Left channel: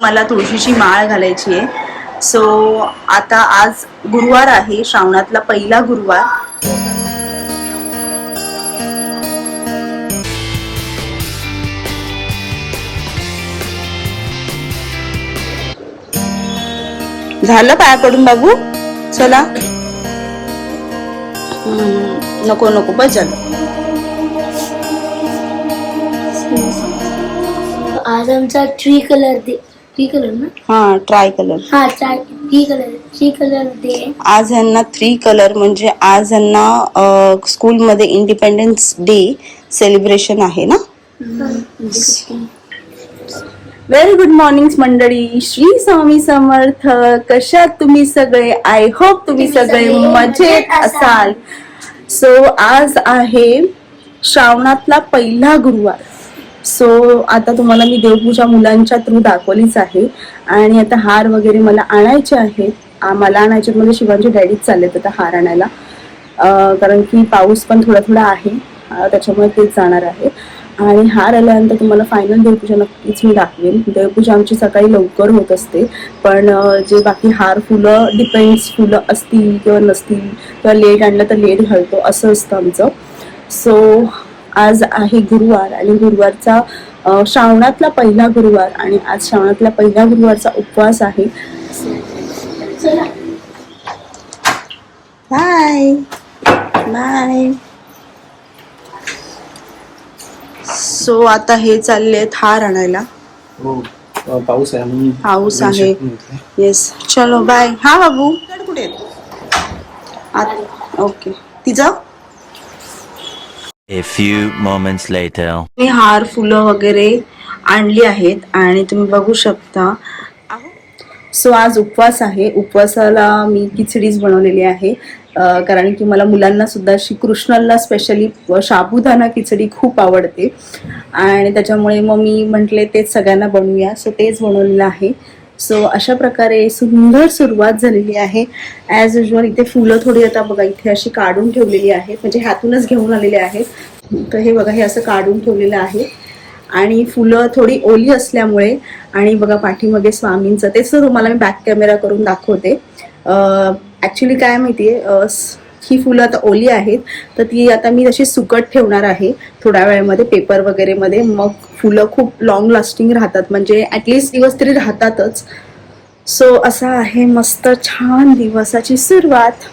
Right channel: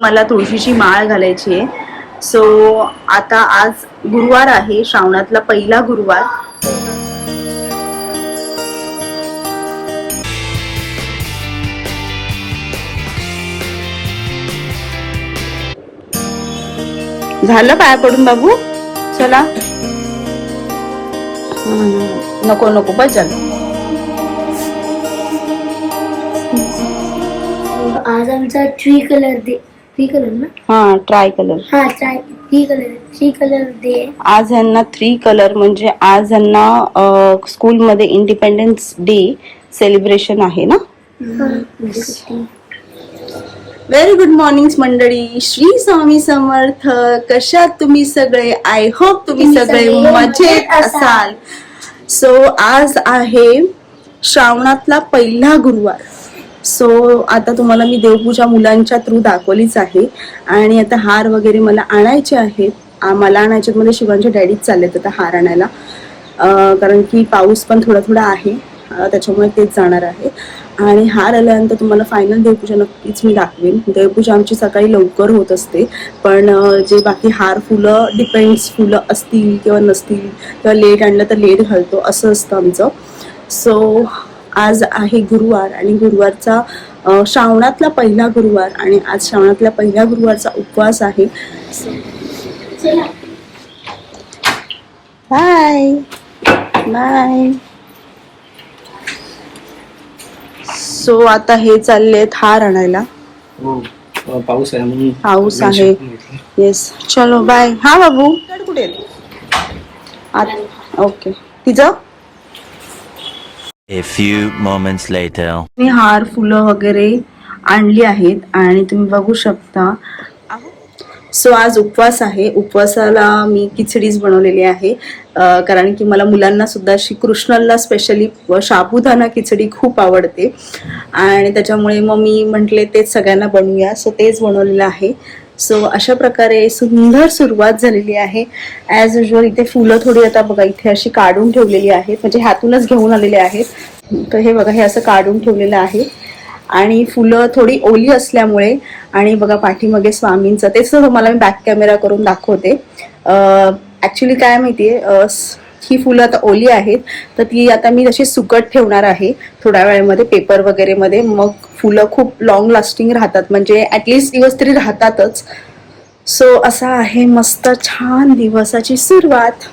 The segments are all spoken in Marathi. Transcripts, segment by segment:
मला तुळशीची माळ घालायची आहे. सो आता आज गुरुवार आहे, श्रावणातला पहिला गुरुवार. झालं पाया पडून बाबू? चला. नको नको, बस झालं. आज आमचा ट्री कलर ना? हा, ट्राय कलर. हा, थ्री कलर डे. आज ह्यांना 3 कलर म्हणजे आज ह्यांना स्कूलमध्ये इंडिपेंडन्स डे सेलिब्रेशन आहे ना. व्हेरी गुड मॉर्निंग मंडळी, श्री स्वामी समर्थ. कशात तुम्ही सगळे? आय होप तुम्ही सगळे मजेत असाल. सो आज आहे श्रावणातला पहिला गुरुवार. सो आता तुम्हाला मी देवपूजा मुलांच्या थ्रू दाखवलीच आहे. आणि आता हार वगैरे मला आणायचे आहेत. मला आणायचे म्हणजे शिवांचे डॅडीच चाललेत आता हार आणायला, कारण की पाऊस पण थोडा थोडा आहे, त्याच्यामुळे तेच जाणार आहे. आणि हार आल्यानंतर तुम्हाला फायनल देवपूजा नक्कीच मी दाखवेन. देवपूजा आमची सकाळी लवकर होत असते, पण जे बाकी हार फुलं डिपेंड्स, फुलं असतील किंवा नसतील किंवा लेट आणलं तर लेट घालतो, असं असतं आमचं. सो आज आहे गुरुवार आणि गुरुवारचा श्रावणातला पहिला गुरुवार आणि आज श्रावणातल्या पहिल्या गुरुवारचा उपवास आहे. Bye bye. सो आता हे चालले हार आणायला. पाऊस आहे. पाऊस आहे. येस, चलो बाय. हा बाबू कुठे? ओके. तिचं A few moments later. मी हार फुलं वगैरे आणली आहेत आणि तुम्ही बघू शकता. सो आज उपवास आहे. उपवासाला मी खिचडीच बनवलेली आहे, कारण की मला मुलांना सुद्धा श्रीकृष्णाला स्पेशली साबुदाणा खिचडी खूप आवडते आणि त्याच्यामुळे मग मी म्हटले तेच सगळ्यांना बनवूया. सो तेच बनवलेलं आहे. सो अशा प्रकारे सुंदर सुरुवात झालेली आहे. ॲज युजल इथे फुलं थोडी आता बघा इथे अशी काढून ठेवलेली आहेत, म्हणजे ह्यातूनच घेऊन आलेले आहेत. तर हे बघा, हे असं काढून ठेवलेलं आहे आणि फुलं थोडी ओली असल्यामुळे. आणि बघा पाठीमागे स्वामींचं ते सुद्धा तुम्हाला मी बॅक कॅमेरा करून दाखवते. ॲक्च्युली काय माहितीये, ही फुलं आता ओली आहेत तर ती आता मी तशी सुकट ठेवणार आहे थोड्या वेळेमध्ये पेपर वगैरे मध्ये. मग फुलं खूप लॉंग लास्टिंग राहतात, म्हणजे ॲटलिस्ट दिवस तरी राहतातच. सो असा आहे मस्त छान दिवसाची सुरुवात.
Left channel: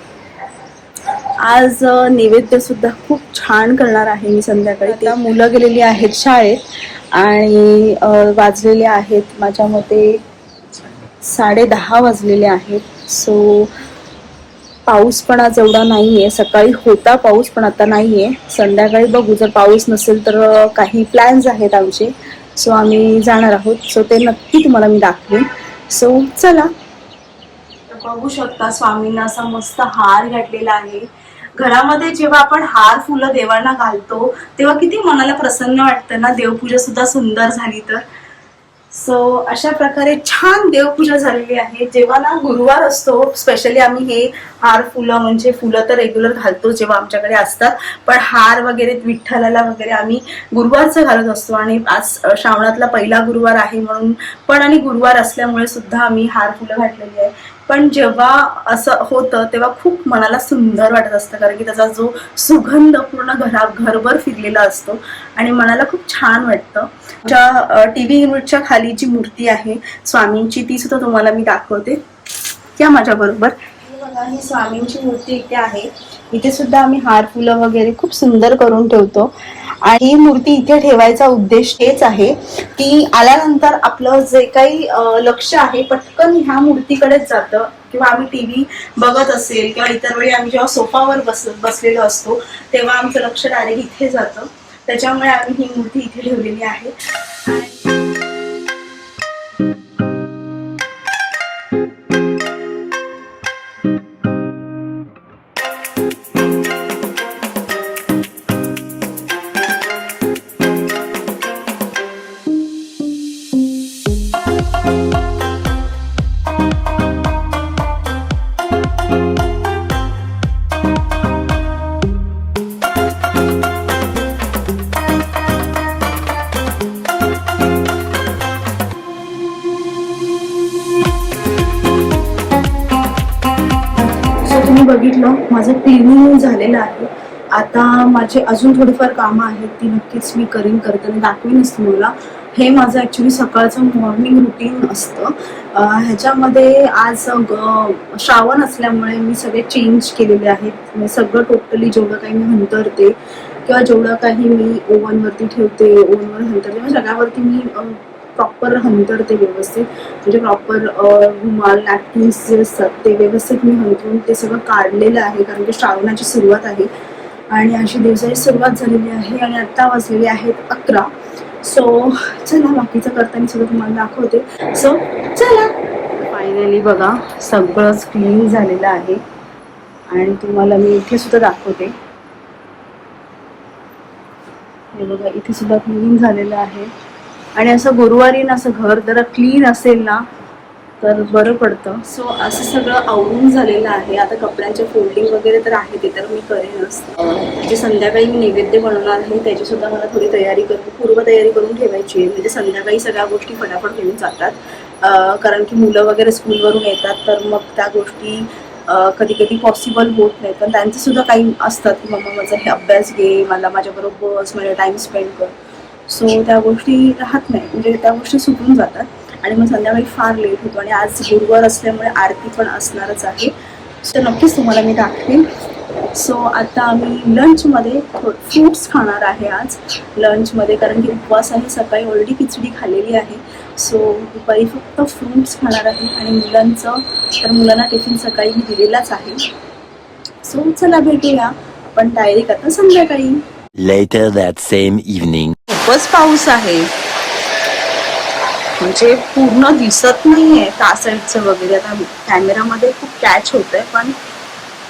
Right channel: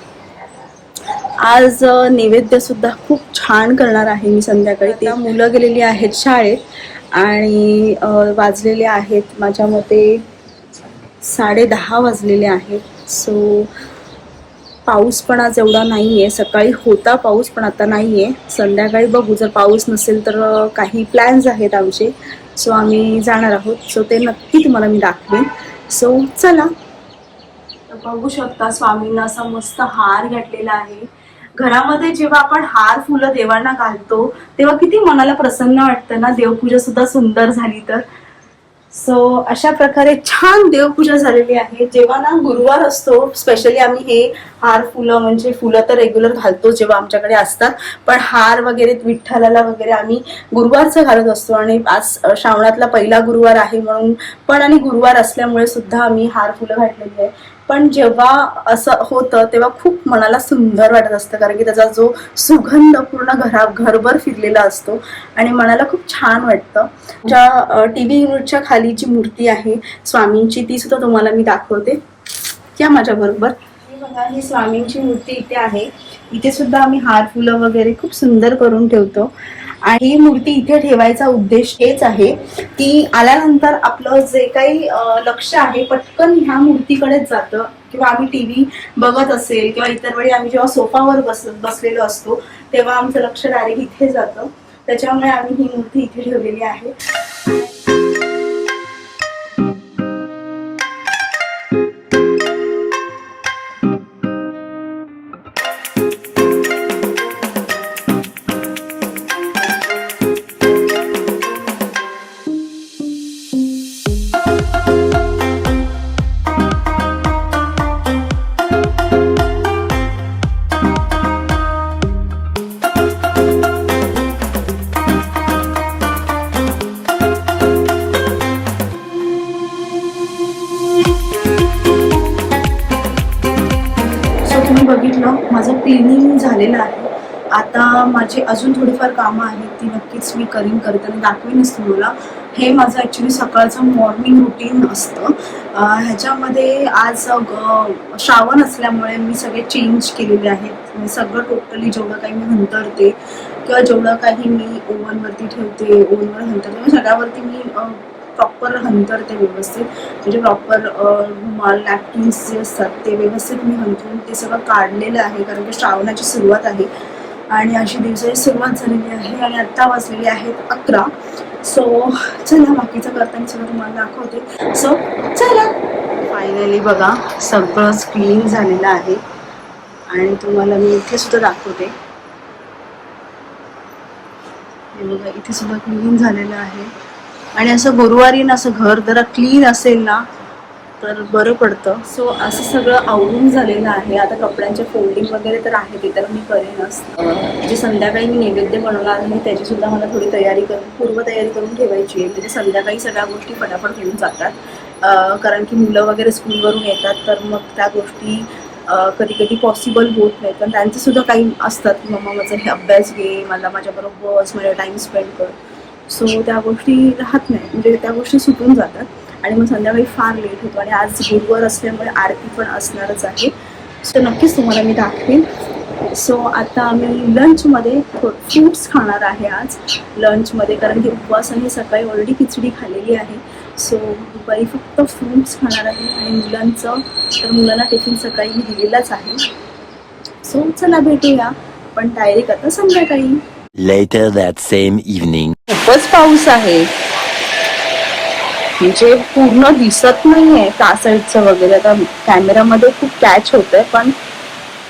आज नैवेद्य सुद्धा खूप छान करणार आहे मी संध्याकाळी. त्या मुलं गेलेली आहेत शाळेत आणि वाजलेले आहेत माझ्या मते 10:30 वाजलेले आहेत. सो पाऊस पण आज एवढा नाही आहे. सकाळी होता पाऊस पण आता नाही आहे. संध्याकाळी बघू, जर पाऊस नसेल तर काही प्लॅन्स आहेत आमचे. सो आम्ही जाणार आहोत. सो ते नक्की तुम्हाला मी दाखवेन. सो चला. बघू शकता स्वामींना असा मस्त हार घातलेला आहे. घरामध्ये जेव्हा आपण हार फुलं देवांना घालतो तेव्हा किती मनाला प्रसन्न वाटतं ना, देवपूजा सुद्धा सुंदर झाली तर. सो अशा प्रकारे छान देवपूजा झालेली आहे. जेव्हा ना गुरुवार असतो स्पेशली आम्ही हे हार फुलं, म्हणजे फुलं तर रेग्युलर घालतो जेव्हा आमच्याकडे असतात, पण हार वगैरे विठ्ठलाला वगैरे आम्ही गुरुवारचं घालत असतो. आणि आज श्रावणातला पहिला गुरुवार आहे म्हणून पण, आणि गुरुवार असल्यामुळे सुद्धा आम्ही हार फुलं घातलेली आहे. पण जेव्हा असं होतं तेव्हा खूप मनाला सुंदर वाटत असतं, कारण की त्याचा जो सुगंध पूर्ण घरभर फिरलेला असतो आणि मनाला खूप छान वाटतं. TV युनिटच्या खाली जी मूर्ती आहे स्वामींची ती सुद्धा तुम्हाला मी दाखवते. या माझ्या बरोबर. बघा, ही स्वामींची मूर्ती इथे आहे. इथे सुद्धा आम्ही हार फुलं वगैरे खूप सुंदर करून ठेवतो. आणि ही मूर्ती इथे ठेवायचा उद्देश हेच आहे की आल्यानंतर आपलं जे काही लक्ष आहे पटकन ह्या मूर्तीकडेच जातं. किंवा आम्ही TV बघत असेल किंवा इतर वेळी आम्ही जेव्हा सोफावर बसलेलो असतो तेव्हा आमचं लक्ष डायरेक्ट इथे जातं. त्याच्यामुळे आम्ही ही मूर्ती इथे ठेवलेली आहे. तुम्ही बघितलं माझं क्लिनिंग झालेलं आहे. आता माझे अजून थोडीफार कामं आहेत, ती नक्कीच मी करताना दाखवेनच तुम्हाला. हे माझं ॲक्च्युली सकाळचं मॉर्निंग रुटीन असतं. ह्याच्यामध्ये आज श्रावण असल्यामुळे मी सगळे चेंज केलेले आहेत. म्हणजे सगळं टोटली जेवढं काही मी हंतरते किंवा जेवढं काही मी ओव्हनवरती ठेवते, ओव्हनवर हंतरते, सगळ्यावरती मी प्रॉपर हंतरते व्यवस्थित. म्हणजे प्रॉपर रुमाल, नॅपकिन्स जे असतात ते व्यवस्थित मी हंतरून ते सगळं काढलेलं आहे. कारण की श्रावणाची सुरुवात आहे आणि अशी दिवसाची सुरुवात झालेली आहे आणि आत्ता वाजलेले आहेत 11. सो चला बाकीचं करताना सगळं तुम्हाला दाखवते. सो चला. फायनली बघा सगळंच क्लीन झालेलं आहे आणि तुम्हाला मी इथे सुद्धा दाखवते. हे बघा इथे सुद्धा क्लीन झालेलं आहे. आणि असं गुरुवारी ना असं घर जरा क्लीन असेल ना तर बरं पडतं. सो असं सगळं आवरून झालेलं आहे. आता कपड्यांचे फोल्डिंग वगैरे तर आहे, ते तर मी करेनच. जे संध्याकाळी मी नैवेद्य बनवणार आहे त्याचीसुद्धा मला थोडी पूर्वतयारी करून ठेवायची आहे. म्हणजे संध्याकाळी सगळ्या गोष्टी फटाफट होऊन जातात. कारण की मुलं वगैरे स्कूलवरून येतात तर मग त्या गोष्टी कधी कधी पॉसिबल होत नाहीत. पण त्यांचंसुद्धा काही असतात की मम्मा माझा हे अभ्यास घे, मला माझ्याबरोबर बस, माझ्या टाईम स्पेंड कर. सो त्या गोष्टी राहत नाही, म्हणजे त्या गोष्टी सुटून जातात आणि मग संध्याकाळी फार लेट होतो. आणि आज गुरुवार असल्यामुळे आरती पण असणारच आहे. सो नक्कीच तुम्हाला मी दाखवेन. सो आता आम्ही लंचमध्ये फ्रूट्स खाणार आहे आज लंचमध्ये, कारण की उपवास आहे. सकाळी ऑलरेडी खिचडी खाल्लेली आहे. सो दुपारी फक्त फ्रूट्स खाणार आहे. आणि मुलांना टिफिन सकाळी मी दिलेलाच आहे. सो चला भेटूया आपण डायरेक्ट आता संध्याकाळी. Later that same evening. खूपच पाऊस आहे, म्हणजे पूर्ण दिसत नाहीये त्या साईडचं वगैरे. आता कॅमेरामध्ये खूप कॅच होतंय पण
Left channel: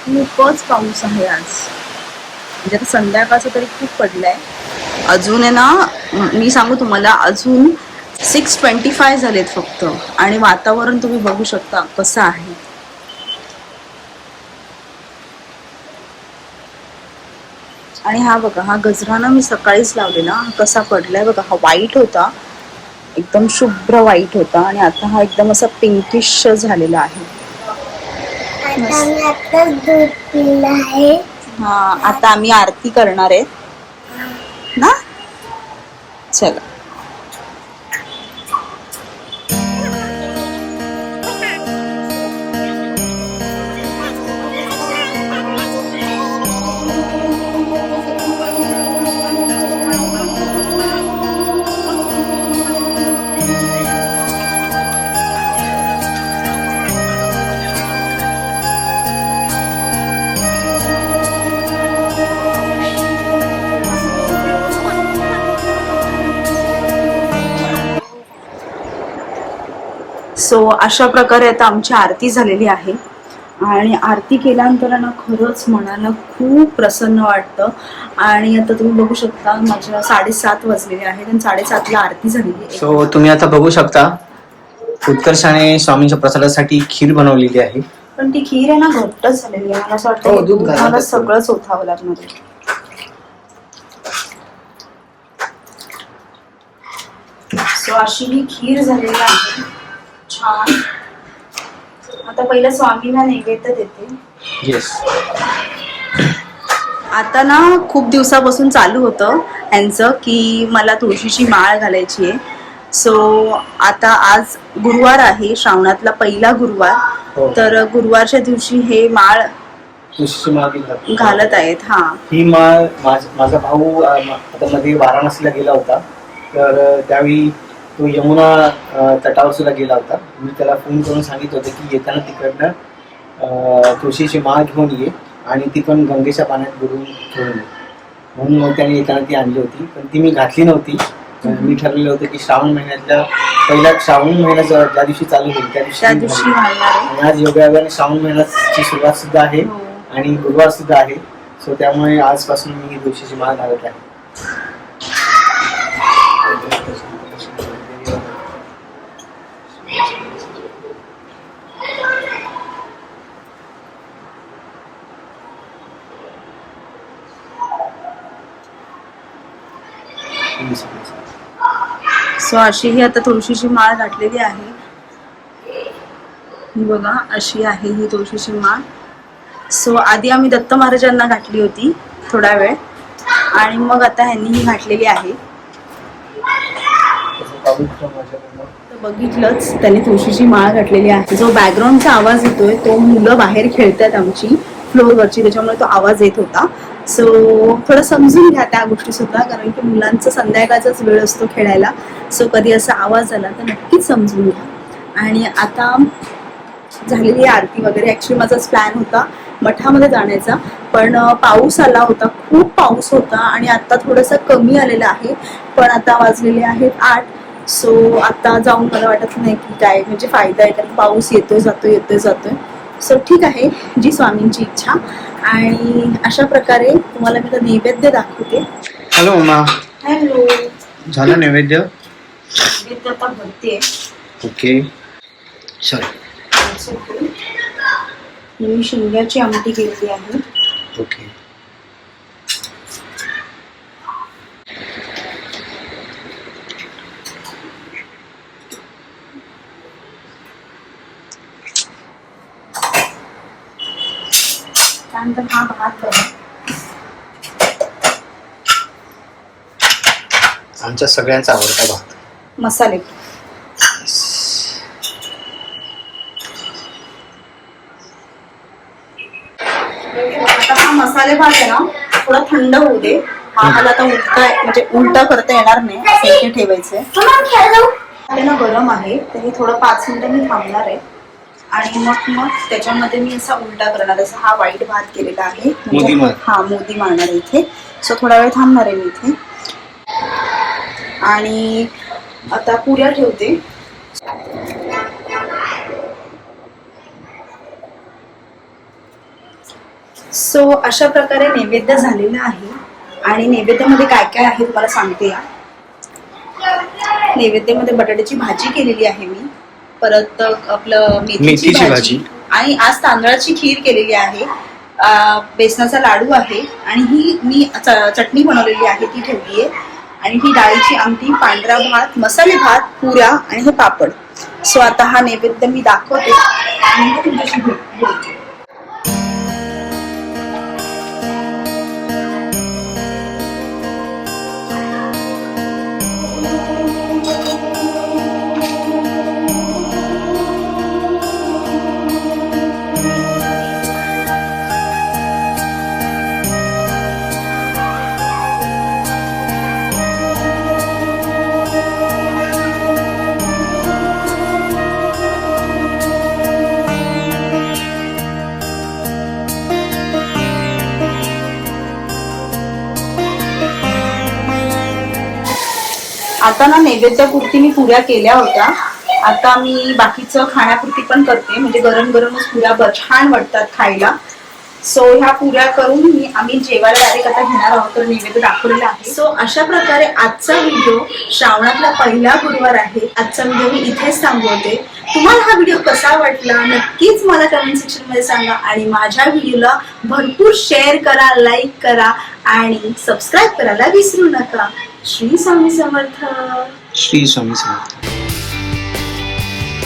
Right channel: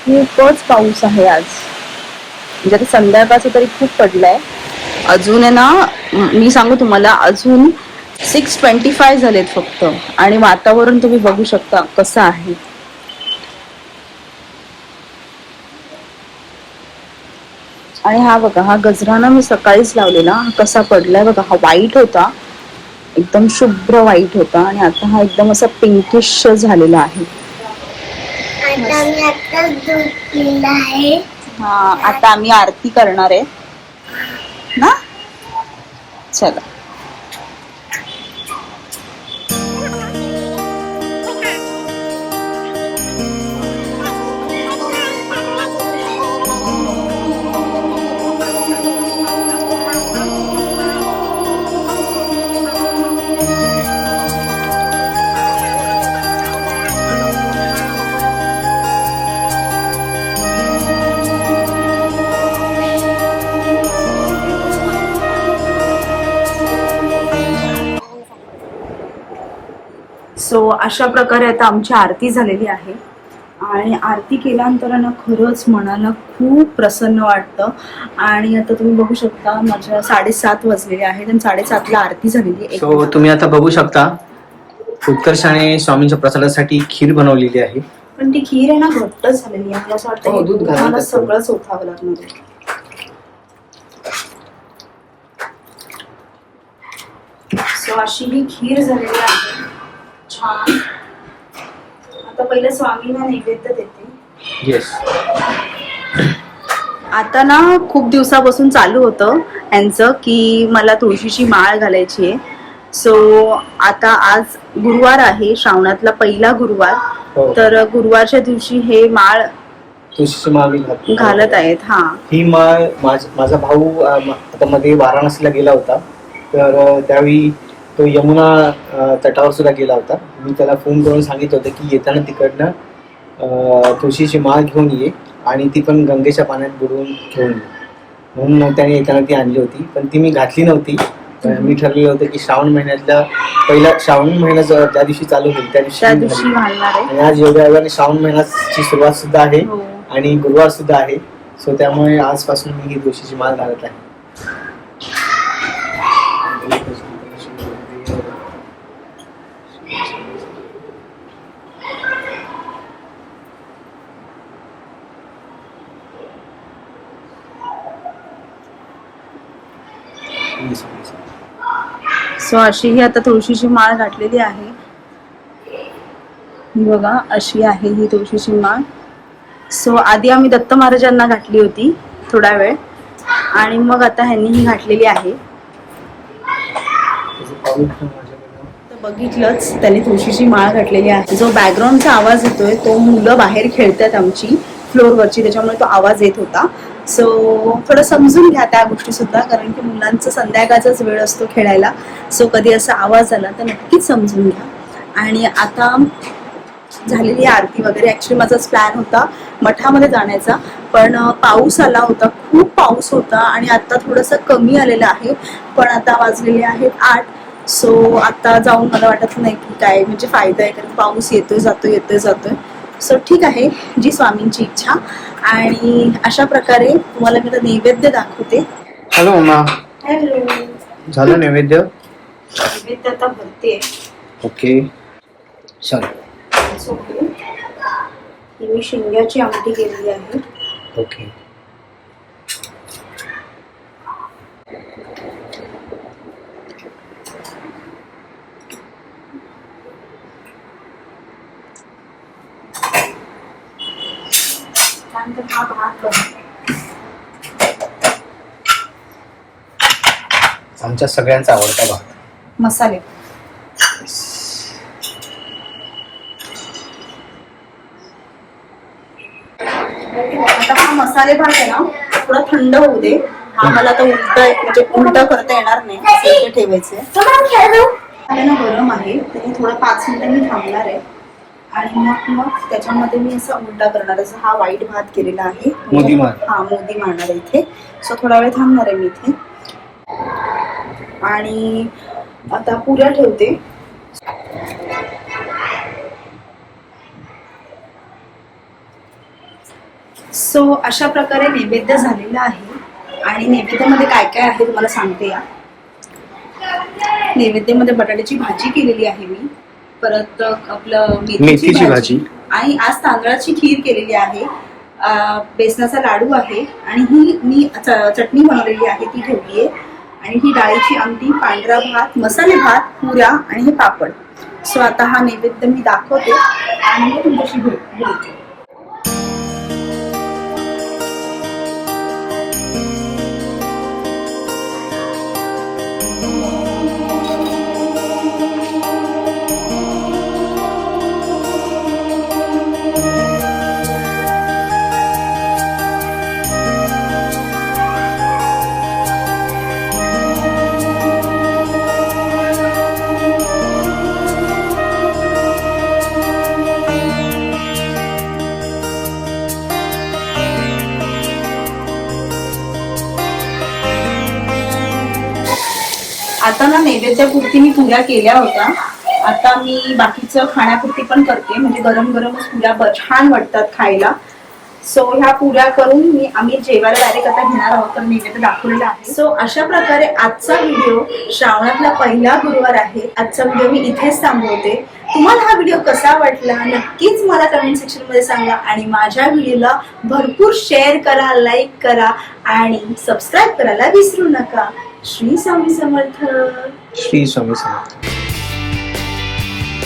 खूपच पाऊस आहे आज. म्हणजे आता संध्याकाळचं तरी खूप पडलंय. अजून आहे ना, मी सांगू तुम्हाला, अजून 6:25 झालेत फक्त. आणि वातावरण तुम्ही बघू शकता कसं आहे. आणि हा बघा, हा गजरा ना मी सकाळीच लावलेला, हा कसा पडलाय बघा. हा व्हाईट होता, एकदम शुभ्र व्हाईट होता आणि आता हा एकदम असा पिंकिश झालेला आहे. आता मी आताच दूध पिलं आहे. हा, आता आम्ही आरती करणार आहे ना. चला. सो अशा प्रकारे आता आमची आरती झालेली आहे. आणि आरती केल्यानंतर ना खरंच मनाला खूप प्रसन्न वाटतं. आणि आता तुम्ही बघू शकता माझ्या 7:30 वाजलेले आहेत आणि 7:30ला आरती झालेली आहे. सो तुम्ही आता बघू शकता उत्कर्षाने स्वामींच्या प्रसादासाठी खीर बनवलेली आहे. पण ती खीर आहे ना घट्ट झालेली आहे. मला असं हो, दूध वाटतं घालावं मला लागतं. सगळंच ओतावं लागणार आहे. सो अशी ही खीर झालेली आहे छान. आता पहिला स्वामींना नैवेद्य देते. येस. आता ना खूप दिवसापासून चालू होतं यांचं की मला तुळशीची माळ घालायची आहे. सो आता आज गुरुवार आहे, श्रावणातला पहिला गुरुवार. हो. तर गुरुवारच्या दिवशी हे माळ तुळशीची माळ मी घालत आहेत. हा, ही माळ माझा भाऊ आता मध्ये वाराणसीला गेला होता, तर त्यावेळी तो यमुना तटावर सुद्धा गेला होता. मी त्याला फोन करून सांगितलं होतं की येताना तिकडनं तुळशीची माळ घेऊन ये आणि ती पण गंगेच्या पाण्यात बुडवून घेऊन ये. म्हणून मग त्याने येताना ती आणली होती, पण ती मी घातली नव्हती. मी ठरलेलं होतं की श्रावण महिन्यातल्या श्रावण महिना ज्या दिवशी चालू होईल त्या दिवशी घालणार आहे. आणि आज योगायोगाने श्रावण महिन्याची सुरुवात सुद्धा आहे हो. आणि गुरुवार सुद्धा आहे. सो त्यामुळे आजपासून मी ही तुळशीची माळ घालत आहे. सो अशी ही आता तुळशीची माळ घातलेली आहे. ही बघा अशी आहे ही तुळशीची माळ. सो आधी आम्ही दत्त महाराजांना घातली होती थोडा वेळ आणि मग आता ह्यांनी ही घातलेली आहे. तर बघितलंच त्याने तुळशीची माळ घातलेली आहे. जो बॅकग्राऊंडचा आवाज येतोय तो मुलं बाहेर खेळतात आमची फ्लोअरवरची, त्याच्यामुळे तो आवाज येत होता. सो थोडं समजून घ्या त्या गोष्टी सुद्धा, कारण की मुलांचं संध्याकाळचाच वेळ असतो खेळायला. सो कधी असा आवाज आला तर नक्कीच समजून घ्या. आणि आता झालेली आरती वगैरे. ॲक्च्युली माझाच प्लॅन होता मठामध्ये जाण्याचा, पण पाऊस आला होता, खूप पाऊस होता आणि आता थोडंसं कमी आलेलं आहे. पण आता वाजलेले आहेत 8. सो आता जाऊन मला वाटत नाही की काय म्हणजे फायदा आहे, कारण पाऊस येतोय जातोय येतोय जातोय. सो ठीक आहे, जी स्वामींची इच्छा. आणि अशा प्रकारे तुम्हाला मी आता नैवेद्य दाखवते. Hello mamma, hello. झालं नैवेद्य? नैवेद्य आता भरते. ओके चल. मी शिंग्याची आमटी केलेली आहे. ओके. त्यानंतर हा भात बघा. आमच्या सगळ्यांचा आवडता भात. मसाले. आता हा मसाले भात आहे ना थोडा थंड होऊ दे. हा मला आता उलट करता येणार नाही, असं इथे ठेवायचंय. ते ना गरम आहे, त्याने थोडं 5 मिनिटं मी थांबणार आहे आणि मग त्याच्यामध्ये मी असा उलटा करणार. असा हा वाईट भात केलेला आहे, मोदी मार. हा मोदी मारणार इथे. सो थोडा वेळ थांबणार आहे मी इथे. आणि आता पुऱ्या ठेवते. सो अशा प्रकारे नैवेद्य झालेला आहे. आणि नैवेद्यामध्ये काय काय आहे तुम्हाला सांगते या. नैवेद्यामध्ये बटाट्याची भाजी केलेली आहे मी, परत आपलं मेथीची भाजी, आणि आज तांदळाची खीर केलेली आहे, बेसनाचा लाडू आहे, आणि ही मी चटणी बनवलेली आहे ती ठेवली आहे, आणि ही डाळीची आमटी, पांढरा भात, मसाले भात, पुऱ्या आणि हे पापड. सो आता हा नैवेद्य मी दाखवते आणि मग तुमच्याशी बोलते. आता ना नैवेद्यापुरती मी पुऱ्या केल्या होत्या, आता मी बाकीचं खाण्यापुरती पण करते, म्हणजे गरम गरमच पुऱ्या छान वाटतात खायला. सो ह्या पुऱ्या करून आम्ही जेवायला डायरेक्ट आता घेणार आहोत, तर नैवेद्य दाखवलेला आहे. सो अशा प्रकारे आजचा व्हिडिओ, श्रावणातला पहिला गुरुवार आहे, आजचा व्हिडिओ मी इथेच थांबवते. तुम्हाला हा व्हिडिओ कसा वाटला नक्कीच मला कमेंट सेक्शन मध्ये सांगा, आणि माझ्या व्हिडिओला भरपूर शेअर करा, लाईक करा आणि सबस्क्राईब करायला विसरू नका. श्री स्वामी समर्थ. श्री स्वामी समर्थ.